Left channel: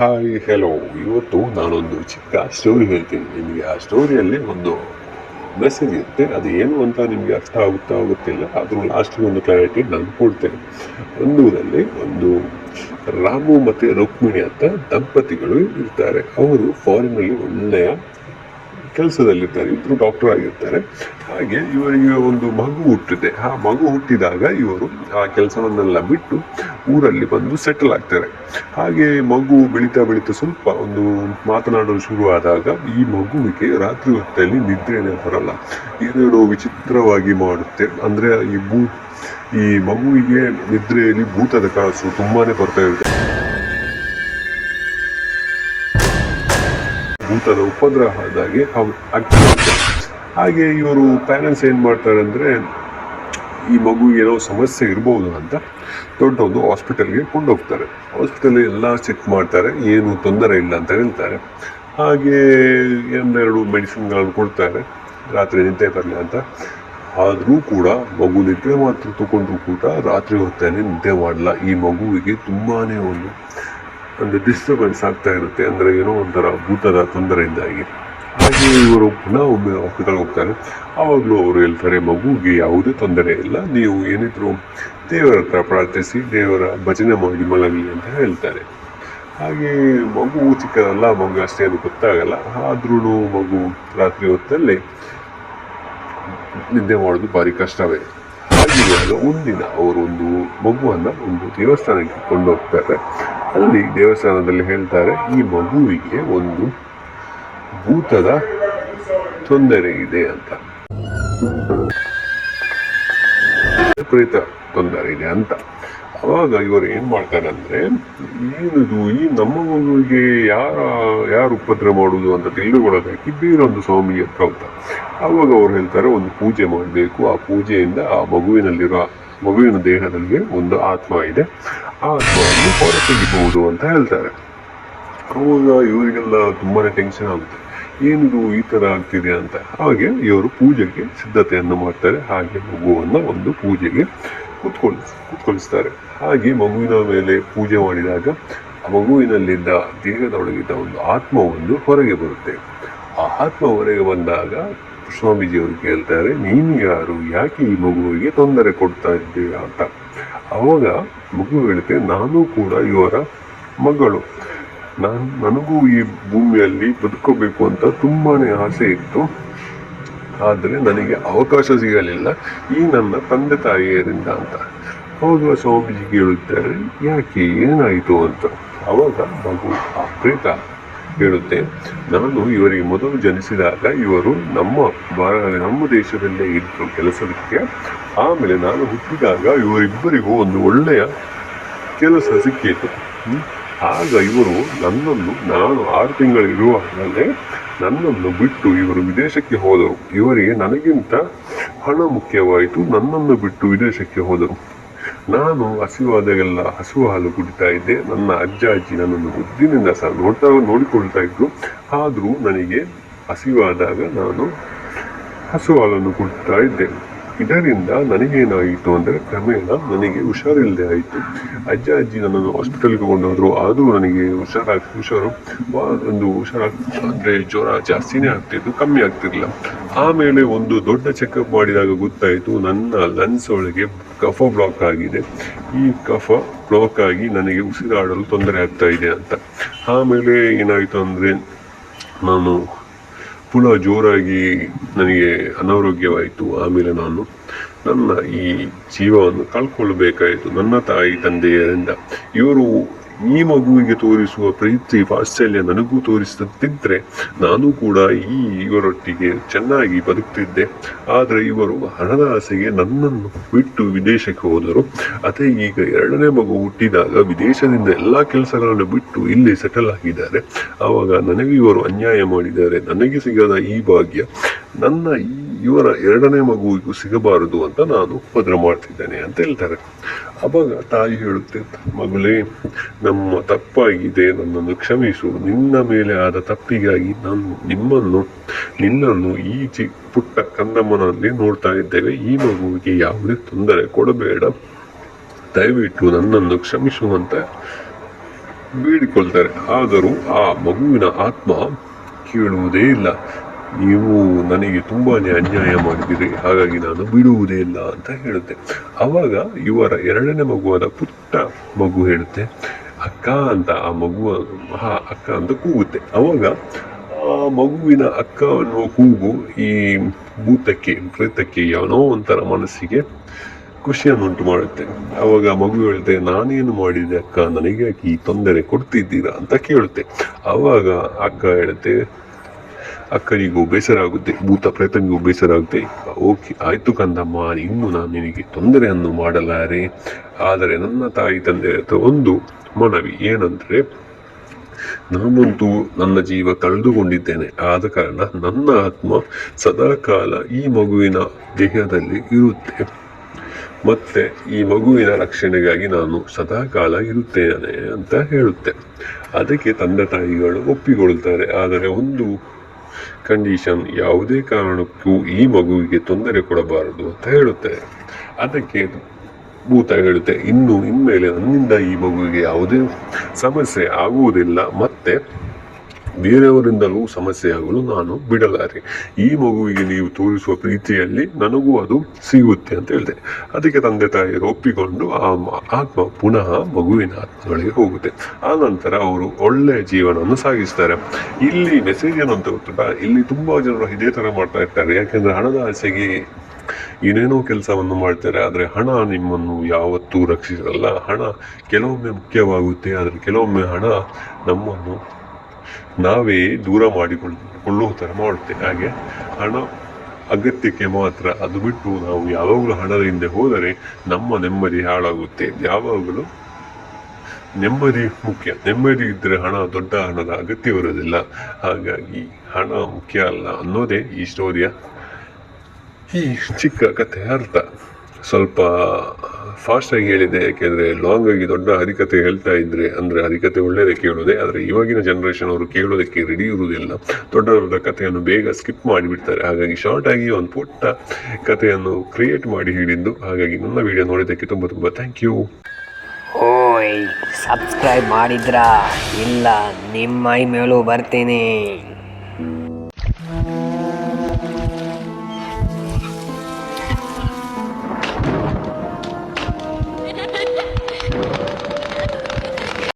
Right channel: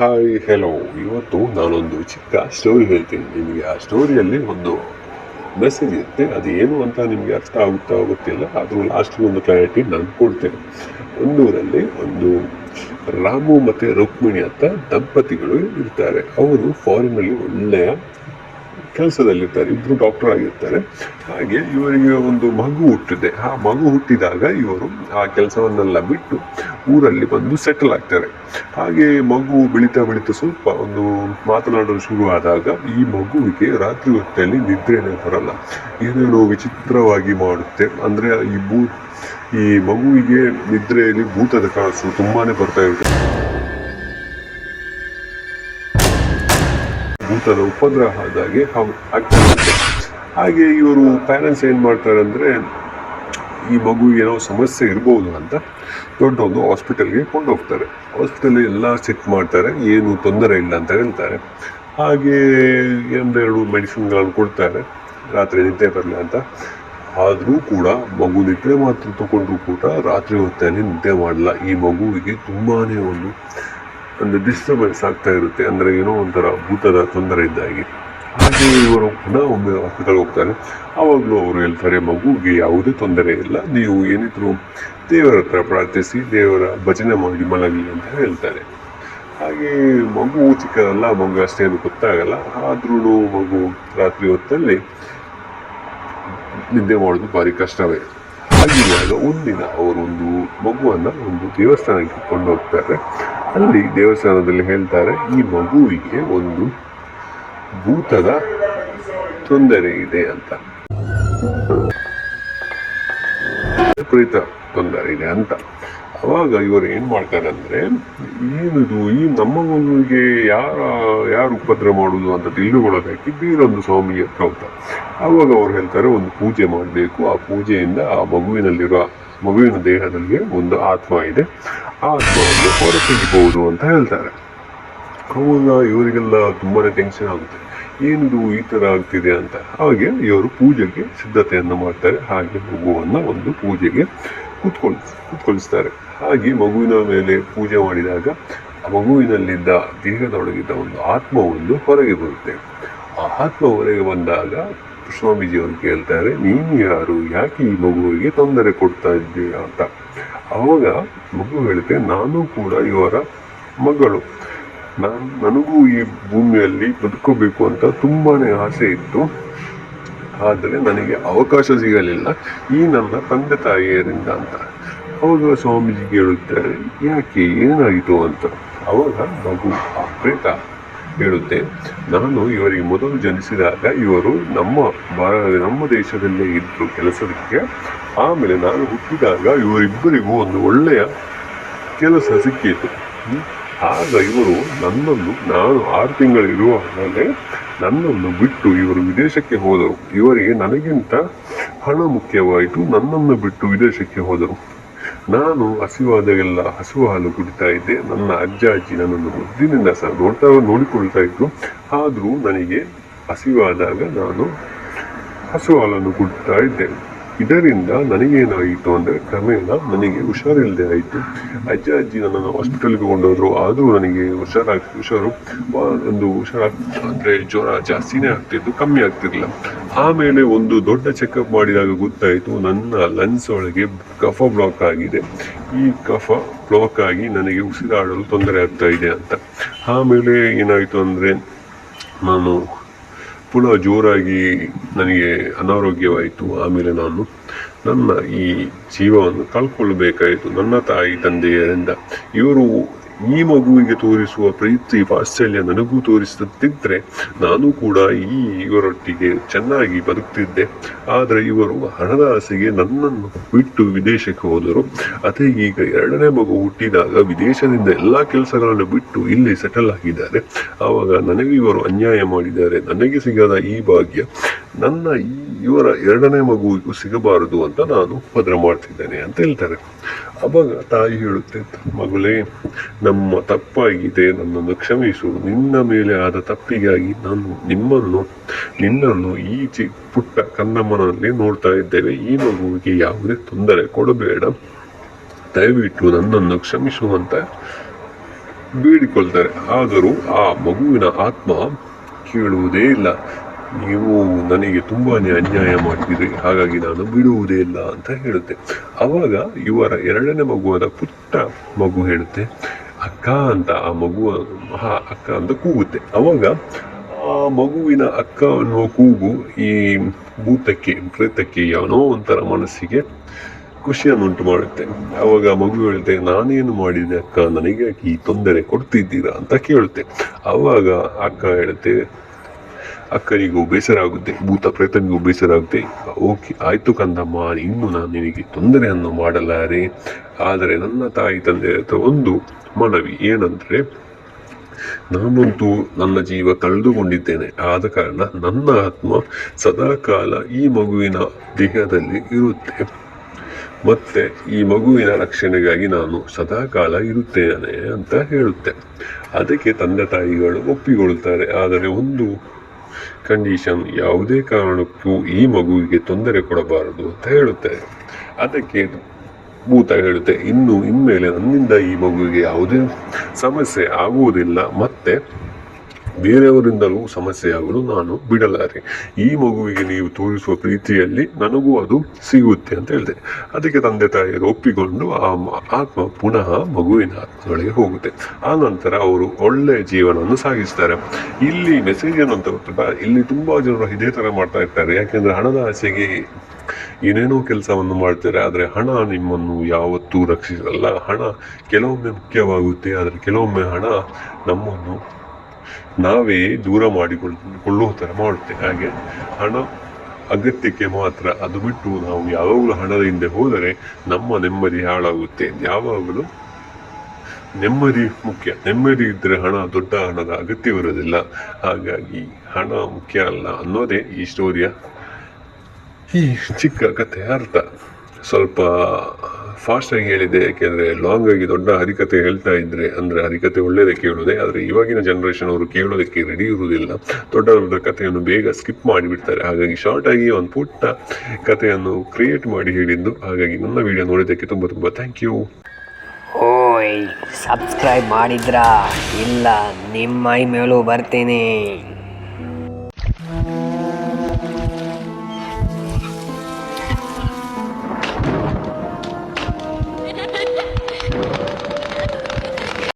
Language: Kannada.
Hi hello. ಇವತ್ತು ನಾನೊಂದು ಚಿಕ್ಕ ಸ್ಟೋರಿ ಹೇಳ್ತೀನಿ ನಿಮಗೆ. ಆ ಸ್ಟೋರಿಯಲ್ಲಿ ಒಂದು ಮೆಸೇಜ್ ಇರುತ್ತೆ. ಅದು ಏನು ಅಂತ ನಿಮಗೆ ಅರ್ಥ ಆಗುತ್ತಾ ಗೊತ್ತಿಲ್ಲ, ಆದರೂ ಲಾಸ್ಟಿಗೆ ಒಂದು ಕ್ಲಾರಿಟಿ ನಾನು ಕೊಡ್ತೇನೆ. ಒಂದೂರಲ್ಲಿ ಒಂದು ರಾಮು ಮತ್ತು ರುಕ್ಮಿಣಿ ಅಂತ ದಂಪತಿಗಳು ಇರ್ತಾರೆ. ಅವರು ಫಾರಿನಲ್ಲಿ ಒಳ್ಳೆಯ ಕೆಲಸದಲ್ಲಿರ್ತಾರೆ, ಇಬ್ಬರು ಡಾಕ್ಟರ್ ಆಗಿರ್ತಾರೆ. ಹಾಗೆ ಇವರಿಗೆ ಒಂದು ಮಗು ಹುಟ್ಟಿದೆ. ಆ ಮಗು ಹುಟ್ಟಿದಾಗ ಇವರು ಆ ಕೆಲಸವನ್ನೆಲ್ಲ ಬಿಟ್ಟು ಊರಲ್ಲಿ ಬಂದು ಸೆಟಲ್ ಆಗ್ತಾರೆ. ಹಾಗೆ ಮಗು ಬೆಳೀತಾ ಸ್ವಲ್ಪ ಒಂದು ಮಾತನಾಡಲು ಶುರುವಾದಾಗ ಈ ಮಗುವಿಗೆ ರಾತ್ರಿ ಹೊತ್ತಲ್ಲಿ ನಿದ್ರೆನೇ ಬರಲ್ಲ, ಏನೇನೋ ವಿಚಿತ್ರವಾಗಿ ಮಾಡುತ್ತೆ. ಅಂದರೆ ಈ ಮಗುವಿಗೆ ನಿದ್ರೆಯಲ್ಲಿ ಭೂತದ ಕನಸು ತುಂಬಾನೇ ಬರ್ತಾ ಇರುತ್ತೆ, ಭೂತದ ಉಪದ್ರವ ಆದಾಗೆ ಆಗ್ತಾರೆ. ಹಾಗೆ ಇವರು ಪ್ಯಾರೆಂಟ್ಸ್ ಏನು ಮಾಡ್ತಾರೆ ಅಂದರೆ, ಈ ಮಗುವಿಗೆ ಏನೋ ಸಮಸ್ಯೆ ಇರ್ಬೋದು ಅಂತ ದೊಡ್ಡ ಒಂದು ಹಾಸ್ಪಿಟಲ್ಗೆ ಕೊಂಡೋಗ್ತಾರೆ. ಹಾಸ್ಪಿಟಲ್ ಎಲ್ಲ ಚೆಕ್ ಮಾಡ್ತಾರೆ, ಏನು ತೊಂದರೆ ಇಲ್ಲ ಅಂತ ಹೇಳ್ತಾರೆ. ಹಾಗೆ ಒಂದೆರಡು ಮೆಡಿಸಿನ್ಗಳನ್ನು ಕೊಡ್ತಾರೆ ರಾತ್ರಿ ನಿದ್ದೆ ಬರಲಿ ಅಂತ. ಆದರೂ ಕೂಡ ಮಗು ನಿದ್ದೆ ಮಾತ್ರ ತಗೊಂಡ್ರು ಕೂಡ ರಾತ್ರಿ ಹೊತ್ತಲ್ಲಿ ನಿದ್ದೆ ಮಾಡಲ್ಲ. ಈ ಮಗುವಿಗೆ ತುಂಬಾ ಒಂದು ಡಿಸ್ಟರ್ಬೆನ್ಸ್ ಆಗ್ತಾ ಇರುತ್ತೆ, ಅಂದರೆ ಏನೋ ಒಂಥರ ಭೂತದ ತೊಂದರೆ ಇದ್ದಾಗೆ. ಹಾಗೆ ಇವರು ಪುನಃ ಒಮ್ಮೆ ಹಾಸ್ಪಿಟಲ್ ಹೋಗ್ತಾರೆ. ಆವಾಗಲೂ ಅವರು ಹೇಳ್ತಾರೆ, ಮಗುವಿಗೆ ಯಾವುದೇ ತೊಂದರೆ ಇಲ್ಲ, ನೀವು ಏನಿದ್ರು ದೇವರ ಹತ್ರ ಪ್ರಾರ್ಥಿಸಿ, ದೇವರ ಭಜನೆ ಮಾಡಿ ಮಲಗಿ ಅಂತ ಹೇಳ್ತಾರೆ. ಹಾಗೆ ಮಗು ಚಿಕ್ಕದಲ್ಲ, ಮಗು ಅಷ್ಟೇನು ಗೊತ್ತಾಗಲ್ಲ. ಆದ್ರೂ ಮಗು ರಾತ್ರಿ ಹೊತ್ತಲ್ಲಿ ನಿದ್ದೆ ಮಾಡೋದು ಭಾರಿ ಕಷ್ಟವೇ. ಹಾಗೆ ಒಂದಿನ ಅವರೊಂದು ಮಗುವನ್ನು ಒಂದು ದೇವಸ್ಥಾನಕ್ಕೆ ಕೊಂಡೋಗ್ತಾರೆ. ಅಲ್ಲಿ ದೇವಸ್ಥಾನದಲ್ಲಿ ಹೇಳ್ತಾರೆ, ಈ ಮಗುವಿಗೆ ಒಂದು ಭೂತದ ತೊಂದರೆ ಇದೆ ಅಂತ, ವಿಪರೀತ ತೊಂದರೆ ಇದೆ ಅಂತ. ಅವಾಗ ಇವರು ಏನ್ ಮಾಡ್ತಾರೆ ಅಂದ್ರೆ, ಏನದು ಈ ನಮ್ಮ ಮಗುವಿಗೆ ಯಾರು ಉಪದ್ರ ಮಾಡುದು ಅಂತ ತಿಳಿದುಕೊಳ್ಳೋದಕ್ಕೆ ಬೇರೊಂದು ಸ್ವಾಮಿಗೆ ಹತ್ರ ಹೋಗ್ತಾರೆ. ಅವಾಗ ಅವ್ರು ಹೇಳ್ತಾರೆ, ಒಂದು ಪೂಜೆ ಮಾಡಬೇಕು, ಆ ಪೂಜೆಯಿಂದ ಆ ಮಗುವಿನ ದೇಹದಲ್ಲಿ ಒಂದು ಆತ್ಮ ಇದೆ, ಆ ಆತ್ಮವನ್ನು ಹೊರತೆಗಿಬಹುದು ಅಂತ ಹೇಳ್ತಾರೆ. ಅವಾಗ ಇವರಿಗೆಲ್ಲ ತುಂಬಾನೇ ಟೆನ್ಷನ್ ಆಗುತ್ತೆ, ಏನಿದು ಈ ತರ ಆಗ್ತಿದೆ ಅಂತ. ಹಾಗೆ ಇವರು ಪೂಜೆಗೆ ಸಿದ್ಧತೆಯನ್ನು ಮಾಡ್ತಾರೆ. ಹಾಗೆ ಮಗುವನ್ನು ಒಂದು ಪೂಜೆಗೆ ಕೂತ್ಕೊಳಿಸ್ತಾರೆ. ಹಾಗೆ ಮಗುವಿನ ಮೇಲೆ ಪೂಜೆ ಮಾಡಿದಾಗ ಆ ಮಗುವಿನಲ್ಲಿದ್ದ ದೇಹದೊಳಗಿದ್ದ ಒಂದು ಆತ್ಮವೊಂದು ಹೊರಗೆ ಬರುತ್ತೆ. ಆ ಆತ್ಮ ಹೊರಗೆ ಬಂದಾಗ ಸ್ವಾಮೀಜಿಯವರು ಕೇಳ್ತಾರೆ, ನೀನು ಯಾರು, ಯಾಕೆ ಈ ಮಗುವಿಗೆ ತೊಂದರೆ ಕೊಡ್ತಾ ಇದ್ದೀರಾ ಅಂತ. ಅವಾಗ ಮಗು ಹೇಳುತ್ತೆ, ನಾನು ಕೂಡ ಇವರ ಮಗಳು, ನನಗೂ ಈ ಭೂಮಿಯಲ್ಲಿ ಬದುಕೋಬೇಕು ಅಂತ ತುಂಬಾನೇ ಆಸೆ ಇತ್ತು, ಆದರೆ ನನಗೆ ಅವಕಾಶ ಸಿಗಲಿಲ್ಲ ಈ ನನ್ನ ತಂದೆ ತಾಯಿಯರಿಂದ ಅಂತ. ಅವಾಗ ಸ್ವಾಮೀಜಿ ಕೇಳುತ್ತಾರೆ, ಯಾಕೆ, ಏನಾಯಿತು ಅಂತ. ಅವಾಗ ಮಗು ಆ ಪ್ರೇತ ಹೇಳುತ್ತೆ, ನಾನು ಇವರಿಗೆ ಮೊದಲು ಜನಿಸಿದಾಗ ಇವರು ನಮ್ಮ ದೇಶದಲ್ಲೇ ಇದ್ರು ಕೆಲಸಕ್ಕೆ. ಆಮೇಲೆ ನಾನು ಹುಟ್ಟಿದಾಗ ಇವರಿಬ್ಬರಿಗೂ ಒಂದು ಒಳ್ಳೆಯ ಕೆಲಸ ಸಿಕ್ಕಿತು. ಆಗ ಇವರು ನಾನು 6 ತಿಂಗಳಿರುವಾಗಲೇ ನನ್ನನ್ನು ಬಿಟ್ಟು ಇವರು ವಿದೇಶಕ್ಕೆ ಹೋದರು. ಇವರಿಗೆ ನನಗಿಂತ ಹಣ ಮುಖ್ಯವಾಯಿತು, ನನ್ನನ್ನು ಬಿಟ್ಟು ವಿದೇಶಕ್ಕೆ ಹೋದರು. ನಾನು ಹಸಿವಾದಾಗೆಲ್ಲ ಹಸು ಹಾಲು ಕುಡಿತಾ ಇದ್ದೆ. ನನ್ನ ಅಜ್ಜಿ ನನ್ನನ್ನು ಬುದ್ಧಿನಿಂದ ನೋಡಿಕೊಳ್ತಾ ಇದ್ರು. ಆದರೂ ನನಗೆ ಹಸಿವಾದಾಗ ನಾನು ಹಸು ಹಾಲನ್ನು ಕುಡಿತಾ ಇದ್ದೇನೆ. ಇದರಿಂದ ನನಗೇನಾಯಿತು ಅಂದರೆ, ಕ್ರಮೇಣ ನನಗೆ ಹುಷಾರಿಲ್ಲದೆ ಆಯಿತು. ಅಜ್ಜಿ ನನ್ನನ್ನು ಹಾಸ್ಪಿಟಲ್ಗೆ ಕೊಂಡೋದ್ರು. ಆದರೂ ನನಗೆ ಅಂದರೆ ಜ್ವರ ಜಾಸ್ತಿನೇ ಆಗ್ತಿತ್ತು, ಕಮ್ಮಿ ಆಗ್ತಿರ್ಲಿಲ್ಲ. ಆಮೇಲೆ ಒಂದು ದೊಡ್ಡ ಚೆಕಪ್ ಮಾಡಿದಾಗ ಗೊತ್ತಾಯಿತು, ನನ್ನ ಲಂಗ್ಸ್ ಒಳಗೆ ಕಫ ಬ್ಲಾಕ್ ಆಗಿದೆ. ಈ ಕಫ ಬ್ಲಾಕ್ ಆಗಿ ನನಗೆ ಉಸಿರಾಡಲು ತೊಂದರೆ ಆಗ್ತಾ ಇದೆ ಅಂತ. ಆಮೇಲೆ ಏನಾಯಿತು ಅಂದರೆ, ನಾನು ಪುನಃ ಜೋರಾಗಿ ನನಗೆ ಅನಾರೋಗ್ಯವಾಯಿತು. ಆಮೇಲೆ ನಾನು ನನ್ನ ಈ ಜೀವವನ್ನು ಕಳ್ಕೊಳ್ಬೇಕಾಯಿತು ನನ್ನ ತಾಯಿ ತಂದೆಯರಿಂದ. ಇವರು ಈ ಮಗುವಿಗೆ ತೋರಿಸುವ ಪ್ರೀತಿ ವಾತ್ಸಲ್ಯ ನನಗೂ ತೋರಿಸುತ್ತಿದ್ದರೆ ನಾನು ಕೂಡ ಇವರೊಟ್ಟಿಗೆ ಚೆನ್ನಾಗಿ ಬದುಕ್ತಿದ್ದೆ. ಆದರೆ ಇವರು ಹಣದ ಆಸೆಗೆ ನನ್ನನ್ನು ಬಿಟ್ಟು ವಿದೇಶಕ್ಕೆ ಹೋದರು. ಅದೇ ಈಗ 2ನೇ ಮಗು ಹುಟ್ಟಿದಾಗ ವಿದೇಶದಿಂದ ಎಲ್ಲ ಕೆಲಸಗಳನ್ನು ಬಿಟ್ಟು ಇಲ್ಲಿ ಸೆಟಲ್ ಆಗಿದ್ದಾರೆ. ಆವಾಗ ನನಗೆ ಇವರು ಅನ್ಯಾಯ ಮಾಡಿದ್ದಾರೆ. ನನಗೆ ಸಿಗದ ಈ ಭಾಗ್ಯ ಇವರ 2ನೇ ಮಗುವಿಗೂ ಸಿಗಬಾರದು ಅಂತ ನಾನು ಉಪದ್ರ ಮಾಡ್ತಿದ್ದೇನೆ ಅಂತ ಹೇಳ್ತಾರೆ. ಅವಾಗ ತಾಯಿ ಹೇಳುತ್ತೆ, ಮಗಳೇ, ನಮ್ಮ ತಪ್ಪಾಗಿದೆ, ನನ್ನನ್ನು ಕ್ಷಮಿಸು. ನಿನ್ನ ಮೇಲೆ ಆದ ತಪ್ಪಿಗಾಗಿ ನಾನು ನಿನ್ನನ್ನು ಈ ಪುಟ್ಟ ಕಂದಮ್ಮನಲ್ಲಿ ನೋಡ್ತಾ ಇದ್ದೇವೆ. ಈ ಮಗುವಿಗೆ ಯಾವುದೇ ತೊಂದರೆ ಕೊಡಬೇಡ, ದಯವಿಟ್ಟು ನನ್ನನ್ನು ಕ್ಷಮಿಸುವಂತ ಬೇಡಿಕೊಳ್ತಾರೆ. ಆದರೂ ಆ ಮಗುವಿನ ಆತ್ಮ ಕೇಳುವುದೇ ಇಲ್ಲ. ನೀವು ನನಗೆ ತುಂಬಾನೇ ಅನ್ಯಾಯ ಮಾಡಿದಿರಿ, ಹಾಗಾಗಿ ನಾನು ಬಿಡುವುದೇ ಇಲ್ಲ ಅಂತ ಹೇಳುತ್ತೆ. ಅವಾಗ ಇವರ ಎರಡನೇ ಮಗುವಾದ ಪುಟ್ಟ ಮಗು ಹೇಳುತ್ತೆ, ಅಕ್ಕ ಅಂತ. ಆ ಮಗು ಅಕ್ಕ ಅಂತ ಕೂಗುತ್ತೆ. ಅವಾಗ ಆ ಮಗುವಿನ ಅಕ್ಕ ಅನ್ನೋ ಕೂಗು ಈ ಭೂತಕ್ಕೆ, ಪ್ರೇತಕ್ಕೆ ಏನೋ ಒಂಥರ ಮನಸ್ಸಿಗೆ ಖುಷಿಯನ್ನುಂಟು ಮಾಡುತ್ತೆ. ಅವಾಗ ಮಗು ಹೇಳುತ್ತೆ, ನಾನೇನು ಮಾಡಿದೆ ಅಕ್ಕ, ನನಗೆ ಈ ತೊಂದರೆ ಕೊಡ್ತಿದ್ದೀರಾ ಅಂತ ಕೇಳುತ್ತೆ. ಅವಾಗ ಅಕ್ಕ ಹೇಳುತ್ತೆ, ಅಕ್ಕನಿಗೂ ಬೇಸರ ಆಗುತ್ತೆ, ಭೂತ ಪ್ರೇತನಿಗೂ ಬೇಸರ ಆಗುತ್ತೆ. ಓಕೆ ಆಯ್ತು ಕಂದಮ್ಮ, ಇನ್ನು ನಾನು ನಿನಗೆ ತೊಂದರೆಯನ್ನು ಮಾಡಲಾರೆ. ಆದರೆ ನನ್ನ ತಾಯಿ ತಂದೆ ಒಂದು ಮನವಿ ಏನಂದ್ರೆ, ನಾನಂತೂ ನನ್ನ ಜೀವ ಕಳೆದುಕೊಂಡಿದ್ದೇನೆ, ಆದ ಕಾರಣ ನನ್ನ ಆತ್ಮ ಸದಾಕಾಲ ಈ ಮಗುವಿನ ದೇಹದಲ್ಲಿ ಇರುತ್ತೆ, ಮತ್ತೆ ಈ ಮಗುವಿನ ರಕ್ಷಣೆಗಾಗಿ ನಾನು ಸದಾಕಾಲ ಇರುತ್ತೇನೆ ಅಂತ ಹೇಳುತ್ತೆ. ಅದಕ್ಕೆ ತಂದೆ ತಾಯಿಗಳು ಒಪ್ಪಿಕೊಳ್ಳುತ್ತಾರೆ. ಆದರೆ ಒಂದು ಕಂಡೀಷನ್, ಯಾವುದೇ ಕಾರಣಕ್ಕೂ ಈ ಮಗುವಿಗೆ ತೊಂದರೆ ಕೊಡಬಾರದು ಅಂತ ಹೇಳುತ್ತೆ. ಅದಕ್ಕೆ ಭೂತ ಹೇಳುತ್ತೆ, ಇನ್ಮೇಲೆ ನನ್ನಿಂದ ಈ ಮಗುವಿಗೆ ಯಾವುದೇ ಸಮಸ್ಯೆ ಆಗುವುದಿಲ್ಲ, ಮತ್ತೆ ಬೇರೆಯವರಿಂದಲೂ ಸಮಸ್ಯೆ ಆಗಲು ನಾನು ಬಿಡಲಾರೆ. ಈ ಮಗುವಿಗೆ ನೀವು ತೋರಿಸುವ ಪ್ರೀತಿಯಲ್ಲಿ ನನಗೂ ಅದು ಸಿಗುತ್ತೆ ಅಂತ ಹೇಳಿದೆ. ಅದಕ್ಕೆ ತಂದೆ ತಾಯಿಯರು ಒಪ್ಪಿಕೊಂಡು ಆ ಆತ್ಮ ಪುನಃ ಮಗುವಿನ ಆತ್ಮಗಳಿಗೆ ಹೋಗುತ್ತೆ. ಆ ನಂತರ ಅವರು ಒಳ್ಳೆಯ ಜೀವನವನ್ನು ಸಾಗಿಸ್ತಾರೆ. ಇಲ್ಲಿ ಮೆಸೇಜ್ ಏನು ಅಂತ ಗೊತ್ತಾ, ಇಲ್ಲಿ ತುಂಬಾ ಜನರು ಇದೇ ತರ ಮಾಡ್ತಾ ಇರ್ತಾರೆ. ಯಾಕೆಂದ್ರೆ ಹಣದ ಆಸೆಗೆ ಏನೇನೋ ಕೆಲಸವನ್ನು ಮಾಡ್ತಾರೆ, ಆದರೆ ಹಣ ನಿಮ್ಮನ್ನು ಯಾವತ್ತೂ ರಕ್ಷಿಸಲ್ಲ. ಹಣ ಕೆಲವೊಮ್ಮೆ ಮುಖ್ಯವಾಗುತ್ತೆ, ಆದರೆ ಕೆಲವೊಮ್ಮೆ ಹಣ ನಮ್ಮನ್ನು ನಾವೇ ದೂರ ಮಾಡಿಕೊಳ್ಳುವ ಥರ ಮಾಡುತ್ತೆ. ಹಾಗೆ ಹಣ ಅಗತ್ಯಕ್ಕೆ ಮಾತ್ರ, ಅದು ಬಿಟ್ಟು ನಾವು ಯಾವಾಗಲೂ ಹಣದ ಹಿಂದೆ ಹೋದರೆ ನಮ್ಮ ನೆಮ್ಮದಿ ಹಾಳಾಗುತ್ತೆ. ಯಾವಾಗಲೂ ನೆಮ್ಮದಿ ಮುಖ್ಯ. ನೆಮ್ಮದಿ ಇದ್ದರೆ ದೊಡ್ಡ ಹಣದ ಅಗತ್ಯವಿರೋದಿಲ್ಲ. ಹಾಗಾಗಿ ಹಣ ಮುಖ್ಯ ಅಲ್ಲ ಅನ್ನೋದೇ ಈ ಸ್ಟೋರಿಯ ಈ ಚಿಕ್ಕ ಕಥೆಯ ಅರ್ಥ. ಸ್ವಲ್ಪ ಫಾಸ್ಟ್ ಆಗಿ ಹೇಳಿದೆ, ಯಾಕೆಂದ್ರೆ ಲಾಂಗ್ ಆಗಿ ದೊಡ್ಡ ಹರಿಕತೆ ಹೇಳ್ತಾ ಇದ್ರೆ ಅಂದ್ರೆ ಹರಿಕತೆ ಒಳ್ಳೇದೇ ಕೇಳೋದೆ, ಆದರೆ ಇವಾಗಿನ ಜನರೇಷನ್ ಅವರು ಕೇಳೋದಕ್ಕೆ ರೆಡಿ ಇರುವುದಿಲ್ಲ. ದೊಡ್ಡ ದೊಡ್ಡ ಕಥೆಯನ್ನು ಬೇಗ ಸ್ಕಿಪ್ ಮಾಡಿಬಿಡ್ತಾರೆ. ಹಾಗಾಗಿ ಶಾರ್ಟ್ ಆಗಿ ಒಂದು ಪುಟ್ಟ ಕಥೆಯನ್ನು ಕ್ರಿಯೇಟ್ ಮಾಡಿ ಹೇಳಿದ್ದು. ಹಾಗಾಗಿ ನನ್ನ ವಿಡಿಯೋ ನೋಡಿದ್ದಕ್ಕೆ ತುಂಬ ತುಂಬ ಥ್ಯಾಂಕ್ ಯು. ಓಯ್, ಸಬ್ಸ್ಕ್ರೈಬ್ ಮಾಡಿದ್ರಾ? ಇಲ್ಲ, ನಿಮ್ಮ ಮೇಲೂ ಬರ್ತೀನಿ.